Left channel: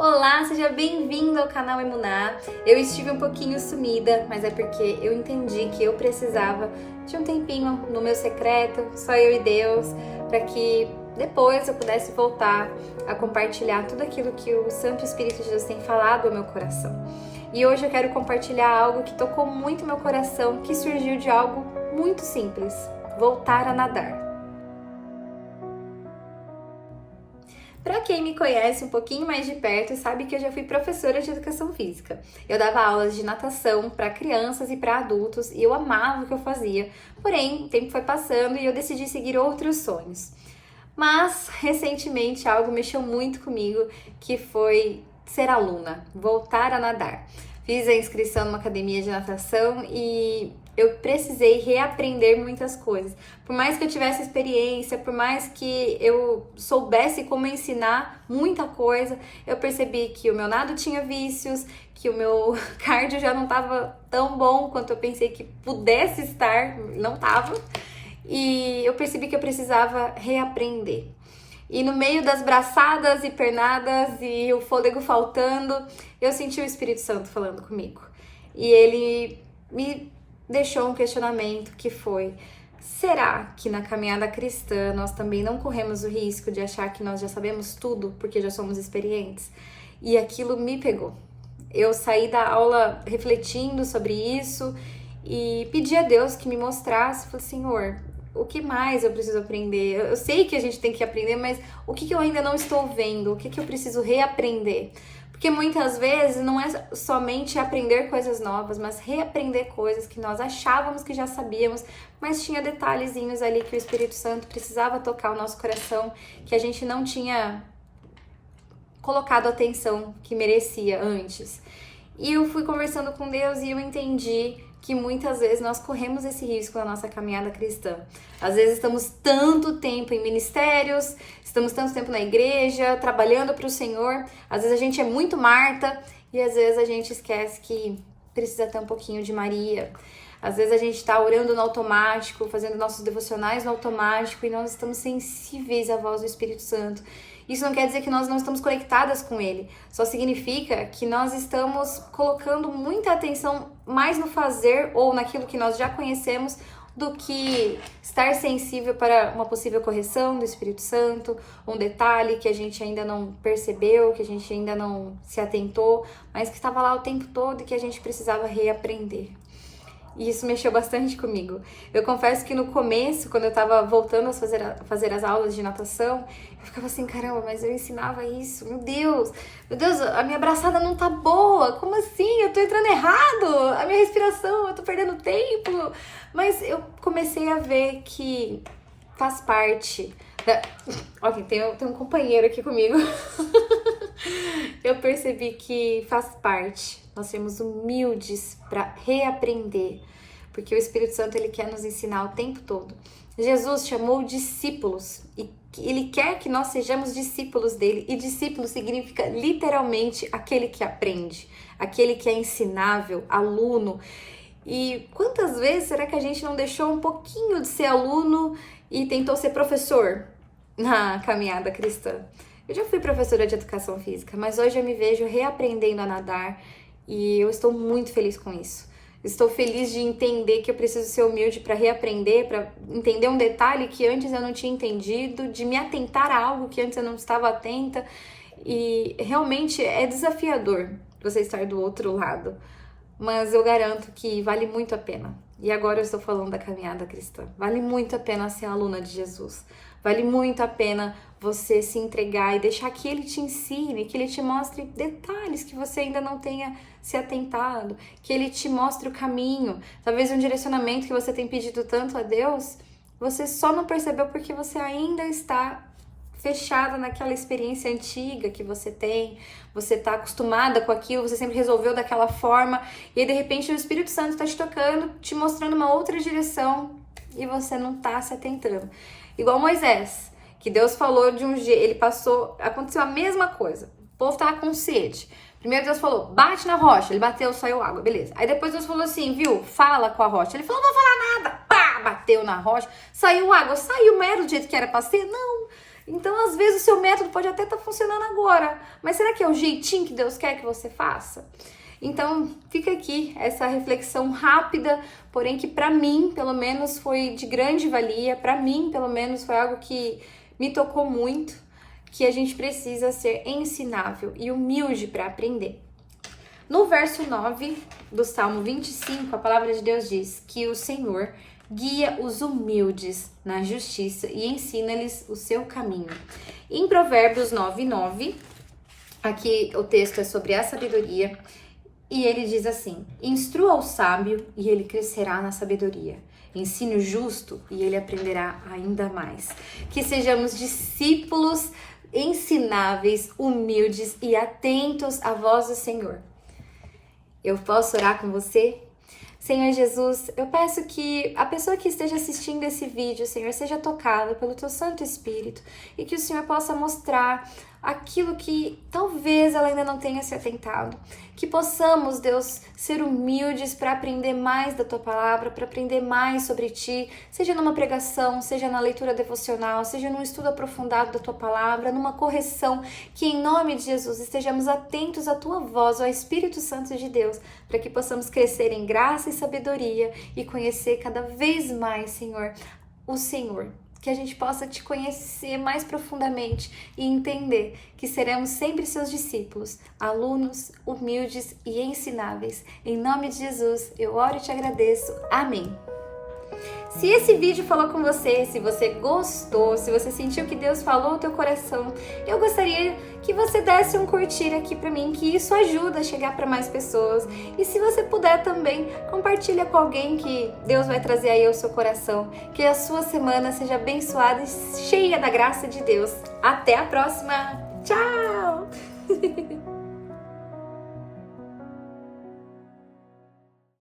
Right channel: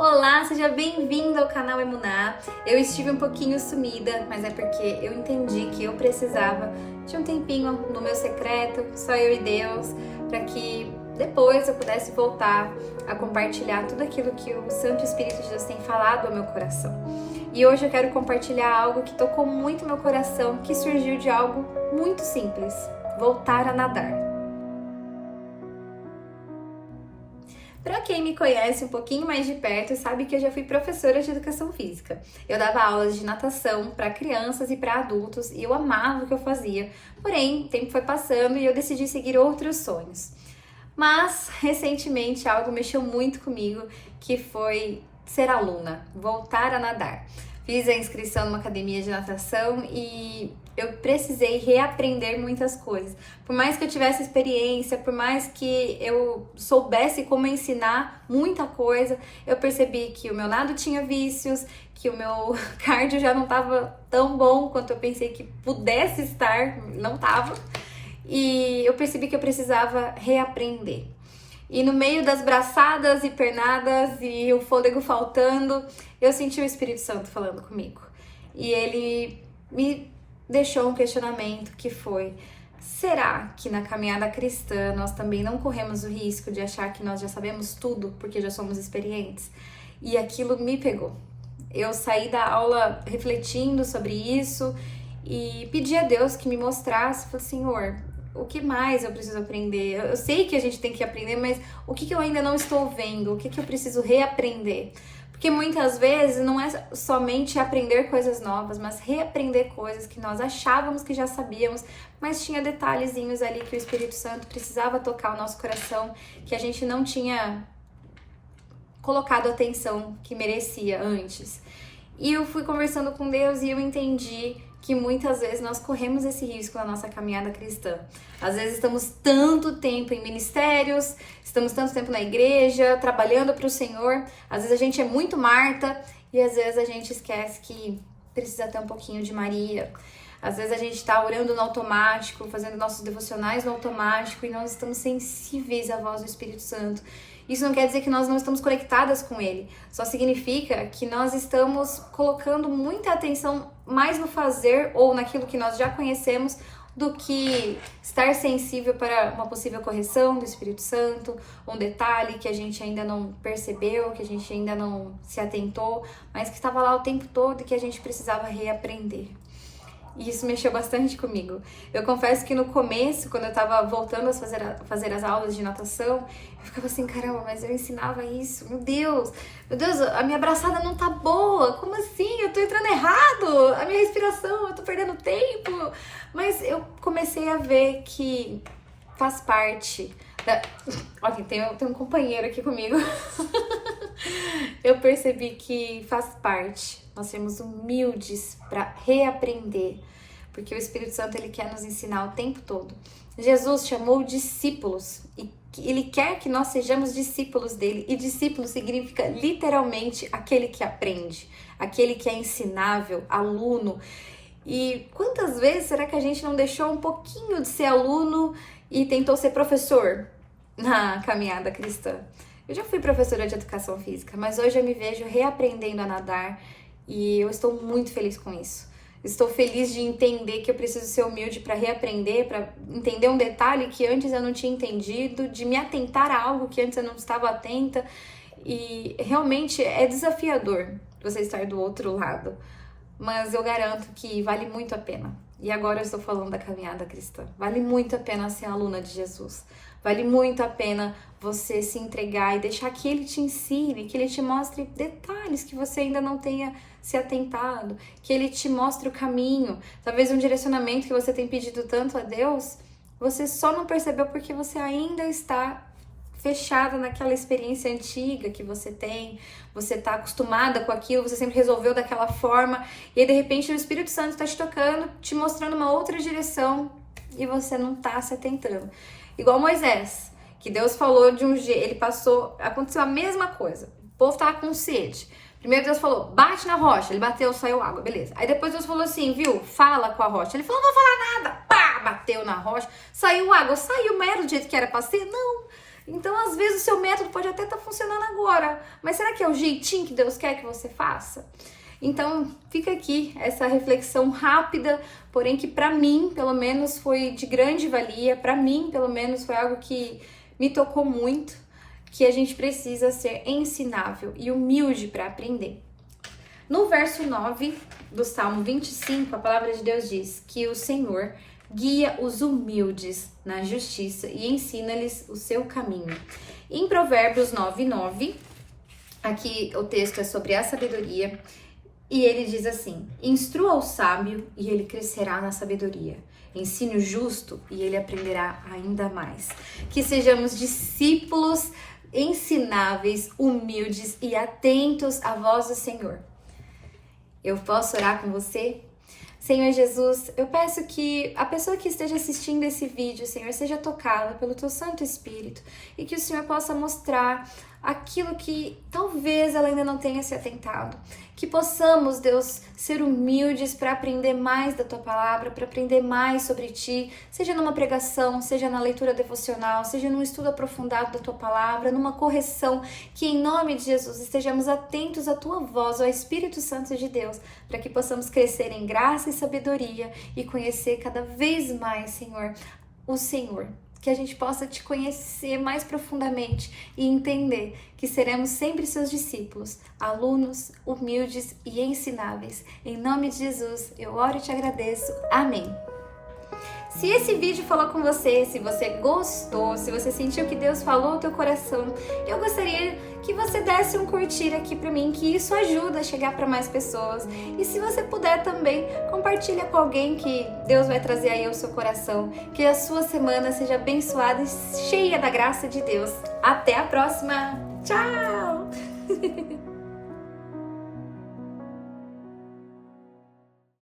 Olá, seja bem-vindo ao canal Emuná. Eu estive um pouquinho sumida, mas é porque eu entendi que eu precisava de um tempinho no meu secreto, só eu e Deus, para que depois eu pudesse voltar a compartilhar tudo aquilo que o Santo Espírito de Deus tem falado ao meu coração. E hoje eu quero compartilhar algo que tocou muito meu coração, que surgiu de algo muito simples: voltar a nadar. Para quem me conhece um pouquinho mais de perto, sabe que eu já fui professora de educação física. Eu dava aulas de natação para crianças e para adultos e eu amava o que eu fazia. Porém, o tempo foi passando e eu decidi seguir outros sonhos. Mas, recentemente, algo mexeu muito comigo, que foi ser aluna, voltar a nadar. Fiz a inscrição numa academia de natação e eu precisei reaprender muitas coisas. Por mais que eu tivesse experiência, por mais que eu soubesse como ensinar muita coisa, eu percebi que o meu nado tinha vícios, que o meu cardio já não estava tão bom quanto eu pensei que pudesse estar, não estava. E eu percebi que eu precisava reaprender. E no meio das braçadas e pernadas e o fôlego faltando, eu senti o Espírito Santo falando comigo. E ele me deixou um questionamento que foi: será que na caminhada cristã nós também não corremos o risco de achar que nós já sabemos tudo porque já somos experientes? E aquilo me pegou. Eu saí da aula refletindo sobre isso e pedi a Deus que me mostrasse. Falei: Senhor, o que mais eu preciso aprender? Eu sei que a gente tem que aprender, mas o que eu ainda não estou vendo? O que eu preciso reaprender? Porque muitas vezes não é somente aprender coisas novas, mas reaprender coisas que nós achávamos que já sabíamos, mas tinha detalhezinhos ali que o Espírito Santo precisava tocar o nosso coração, que a gente não tinha colocado a atenção que merecia antes. E eu fui conversando com Deus e eu entendi que muitas vezes nós corremos esse risco na nossa caminhada cristã. Às vezes estamos tanto tempo em ministérios, estamos tanto tempo na igreja, trabalhando para o Senhor. Às vezes a gente é muito Marta e às vezes a gente esquece que precisa ter um pouquinho de Maria. Às vezes a gente está orando no automático, fazendo nossos devocionais no automático e não estamos sensíveis à voz do Espírito Santo. Isso não quer dizer que nós não estamos conectadas com Ele, só significa que nós estamos colocando muita atenção mais no fazer ou naquilo que nós já conhecemos do que estar sensível para uma possível correção do Espírito Santo, um detalhe que a gente ainda não percebeu, que a gente ainda não se atentou, mas que estava lá o tempo todo e que a gente precisava reaprender. E isso mexeu bastante comigo. Eu confesso que no começo, quando eu tava voltando a fazer as aulas de natação, eu ficava assim: caramba, mas eu ensinava isso, meu Deus, a minha braçada não tá boa, como assim? Eu tô entrando errado, a minha respiração, eu tô perdendo tempo. Mas eu comecei a ver que faz parte da... Ok, tem um companheiro aqui comigo. Eu percebi que faz parte nós sermos humildes para reaprender, porque o Espírito Santo ele quer nos ensinar o tempo todo. Jesus chamou discípulos e ele quer que nós sejamos discípulos dele, e discípulo significa literalmente aquele que aprende, aquele que é ensinável, aluno. E quantas vezes será que a gente não deixou um pouquinho de ser aluno e tentou ser professor na caminhada cristã? Eu já fui professora de educação física, mas hoje eu me vejo reaprendendo a nadar e eu estou muito feliz com isso. Estou feliz de entender que eu preciso ser humilde para reaprender, para entender um detalhe que antes eu não tinha entendido, de me atentar a algo que antes eu não estava atenta. E realmente é desafiador você estar do outro lado, mas eu garanto que vale muito a pena. E agora eu estou falando da caminhada cristã. Vale muito a pena ser aluna de Jesus. Vale muito a pena você se entregar e deixar que Ele te ensine, que Ele te mostre detalhes que você ainda não tenha se atentado, que Ele te mostre o caminho. Talvez um direcionamento que você tem pedido tanto a Deus, você só não percebeu porque você ainda está fechada naquela experiência antiga que você tem, você está acostumada com aquilo, você sempre resolveu daquela forma, e aí de repente o Espírito Santo está te tocando, te mostrando uma outra direção e você não está se atentando. Igual Moisés, que Deus falou de um jeito, ele passou, aconteceu a mesma coisa, o povo estava com sede. Primeiro Deus falou: bate na rocha, ele bateu, saiu água, beleza. Aí depois Deus falou assim, viu, fala com a rocha. Ele falou: não vou falar nada, pá, bateu na rocha, saiu água, saiu, mas era do jeito que era pra ser? Não. Então, às vezes, o seu método pode até estar funcionando agora, mas será que é o jeitinho que Deus quer que você faça? Então, fica aqui essa reflexão rápida, porém que para mim, pelo menos, foi de grande valia, para mim, pelo menos, foi algo que me tocou muito, que a gente precisa ser ensinável e humilde para aprender. No verso 9 do Salmo 25, a palavra de Deus diz que o Senhor guia os humildes na justiça e ensina-lhes o seu caminho. Em Provérbios 9:9, aqui o texto é sobre a sabedoria, e ele diz assim: instrua o sábio e ele crescerá na sabedoria. Ensine o justo e ele aprenderá ainda mais. Que sejamos discípulos ensináveis, humildes e atentos à voz do Senhor. Eu posso orar com você? Senhor Jesus, eu peço que a pessoa que esteja assistindo esse vídeo, Senhor, seja tocada pelo Teu Santo Espírito e que o Senhor possa mostrar aquilo que talvez ela ainda não tenha se atentado. Que possamos, Deus, ser humildes para aprender mais da Tua Palavra, para aprender mais sobre Ti, seja numa pregação, seja na leitura devocional, seja num estudo aprofundado da Tua Palavra, numa correção, que em nome de Jesus estejamos atentos à Tua voz, ao Espírito Santo de Deus, para que possamos crescer em graça e sabedoria e conhecer cada vez mais, Senhor, o Senhor. Que a gente possa Te conhecer mais profundamente e entender que seremos sempre Seus discípulos, alunos humildes e ensináveis. Em nome de Jesus, eu oro e Te agradeço. Amém. Se esse vídeo falou com você, se você gostou, se você sentiu que Deus falou no teu coração, eu gostaria que você desse um curtir aqui pra mim, que isso ajuda a chegar para mais pessoas. E se você puder também, compartilha com alguém que Deus vai trazer aí ao seu coração. Que a sua semana seja abençoada e cheia da graça de Deus. Até a próxima! Tchau!